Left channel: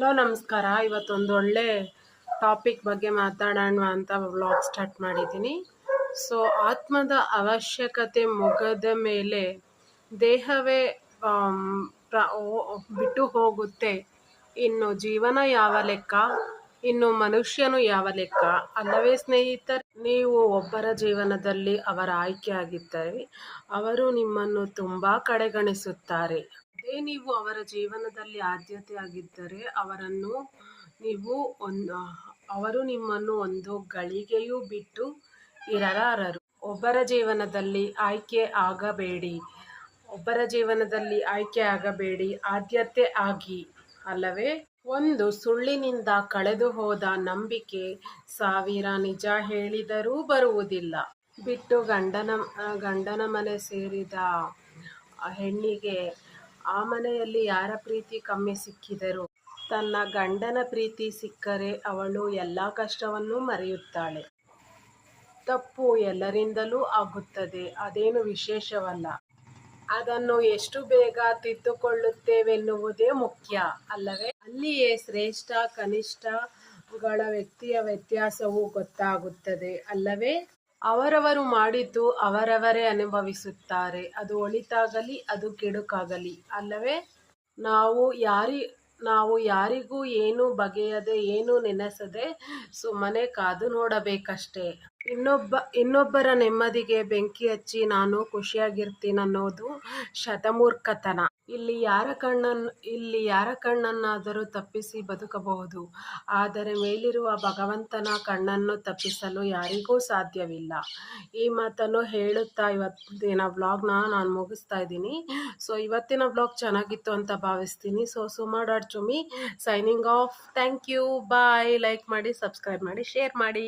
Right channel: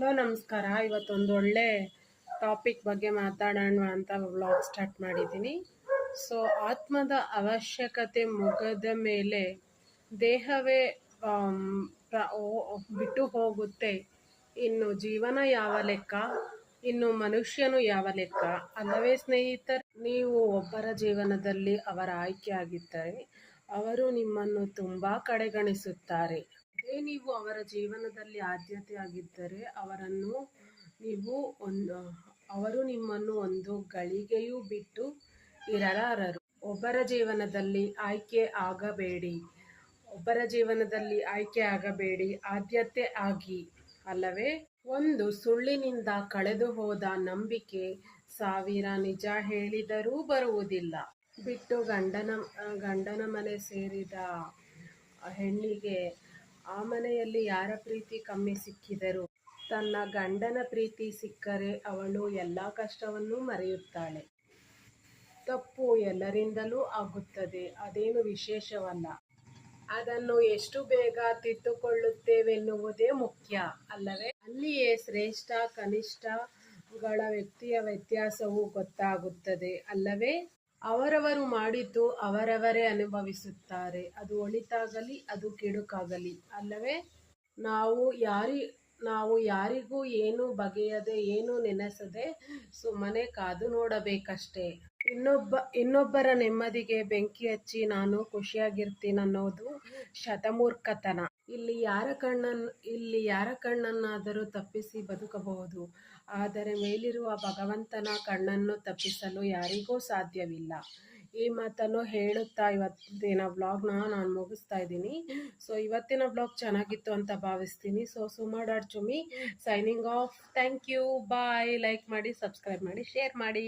Hello ನಮಸ್ಕಾರ. ಇವತ್ತೊಂದು ಒಳ್ಳೆ ಟಾಪಿಕ್ ಬಗ್ಗೆ ಮಾತಾಡೋಣ ಅಂತ ವ್ಲಾಗ್ ಸ್ಟಾರ್ಟ್ ಮಾಡಿದ್ದೀನಿ. ಸೊ ಆತ್ಮದ ಅವಶ್ಯಕತೆ ಮುಗದ ಮೇಲೆ ದೇಹವೇ ಬಿಟ್ಟು ಹೋಗುತ್ತೆ. ಇನ್ನು ಜೀವನ ಯಾವ ಲೆಕ್ಕ, ಇನ್ನು ಮನುಷ್ಯನು ಯಾವ ಲೆಕ್ಕ ಅಲ್ಲವೇ ಸ್ನೇಹಿತರೆ? ನೀವು ಒಬ್ಬರ ಜೀವನದಲ್ಲಿ ಅವರ ಆಯ್ಕೆ ಆಗಿದ್ದರೆ ಅವರು ನಿಮ್ಮನ್ನು ತುಂಬ ಕಡೆಗಣಿಸುತ್ತಾರೆ. ಅದೇ ನೀವು ಅವರ ಜೀವನದಲ್ಲಿ ಆದ್ಯತೆ ಆಗಿದ್ದರೆ ಅವರು ನಿಮ್ಮನ್ನು ಒಂದು ಗಳಿಗೆಯೂ ಬಿಟ್ಟು ಇರಲಾರರು. ಒಬ್ಬರ ಜೀವನದಲ್ಲಿ ಆಯ್ಕೆ ಆಗಬೇಡಿ, ಆದ್ಯತೆ ಆಗಿ, ಅಲ್ಲವೇ? ಒಂದು ಸುಳ್ಳಿನಿಂದ ಕಳೆದು ಹೋದ ನಂಬಿಕೆ 1000 ನಿಜ ಹೇಳಿದರೂ ಬರುವುದಿಲ್ಲ. ಬಿಟ್ಟು ಗಂಡನ ಮನೆ ಸೇರಿದ ಹೆಣ್ಣಿಗೆ ಆ ಮನೆಯಲ್ಲಿ ಯಾರ ಪ್ರೀತಿ ಕಮ್ಮಿ ಸಿಕ್ಕಿದರೂ ತನ್ನ ಗಂಡನ ಪ್ರೀತಿ ಸಿಕ್ಕರೆ ಅವಳು ಎಲ್ಲ ಕಷ್ಟವನ್ನು ಮರೆಯುತ್ತಾಳೆ. ತಪ್ಪು ಎಲ್ಲರಿಂದಲೂ ಆಗುತ್ತದೆ, ಅದೇನು ವಿಶೇಷವಲ್ಲ. ಅದನ್ನು ಎಷ್ಟು ಬೇಗ ತಿದ್ದುಕೊಳ್ಳುತ್ತೇವೆನ್ನುವುದೇ ಮುಖ್ಯ, ಅಲ್ಲವೇ? ಅಲ್ಲಿಯೇ ಶ್ರೇಷ್ಠ ಕನಿಷ್ಠಗಳ ವ್ಯತ್ಯಾಸವೂ ಗೊತ್ತಾಗುತ್ತದೆ, ಅಲ್ಲವೇ? ಅವರವರು ಮಾಡಿದ್ದು ಅವರವರೇ ಅನುಭವಿಸುತ್ತಾರೆ, ಅದು ಒಳಿತಾಗಲಿ ಅದು ಕೆಡುಕಾಗಲಿ, ಅಲ್ಲವೇ? ನಾವು ಯಾರಿಗೂ ಏನು ಬಗೆಯದೆ ಏನು ನೆನೆಸದೆ ಸುಮ್ಮನೆ ಕಾದು ನೋಡಬೇಕಷ್ಟೇ. ಇನ್ನೊಬ್ಬರ ನೆಮ್ಮದಿಗೆ ಬೆಂಕಿ ಹಚ್ಚಿ ನಾನು ಖುಷಿಯಾಗಿರ್ತೀನನ್ನೋದು ಶತಮೂರ್ಖತನ. ಇಲ್ಲಿ ಯಾರ ಕಣ್ಣನ್ನಾದರೂ ತಪ್ಪಿಸಿ ಬದುಕಬಹುದು, ಆದರೆ ಮೇಲಿರುವ ಭಗವಂತನ ಕಣ್ಣನ್ನು ತಪ್ಪಿಸಲು ಯಾರಿಗೂ ಸಾಧ್ಯವಿಲ್ಲ. ಈ ಮಾತನ್ನು ಹೇಳುತ್ತಾ ಇವತ್ತಿನ ವ್ಲಾಗ್ನ ನಾನು ಮುಗಿಸ್ತಾ ಇದ್ದೀನಿ. ಸೊ ಇವತ್ತಿನ ವ್ಲಾಗ್ ಚೆನ್ನಾಗಿತ್ತು ಅಂತ ಭಾವಿಸ್ತೀನಿ. ಸೊ ಸುಮಾ.ಚುಮಿ signing off. Thank you, bye. Like ಮಾಡಿ, ಸಬ್ಸ್ಕ್ರೈಬ್ ಮಾಡಿ, ಶೇರ್ ಮಾಡಿ.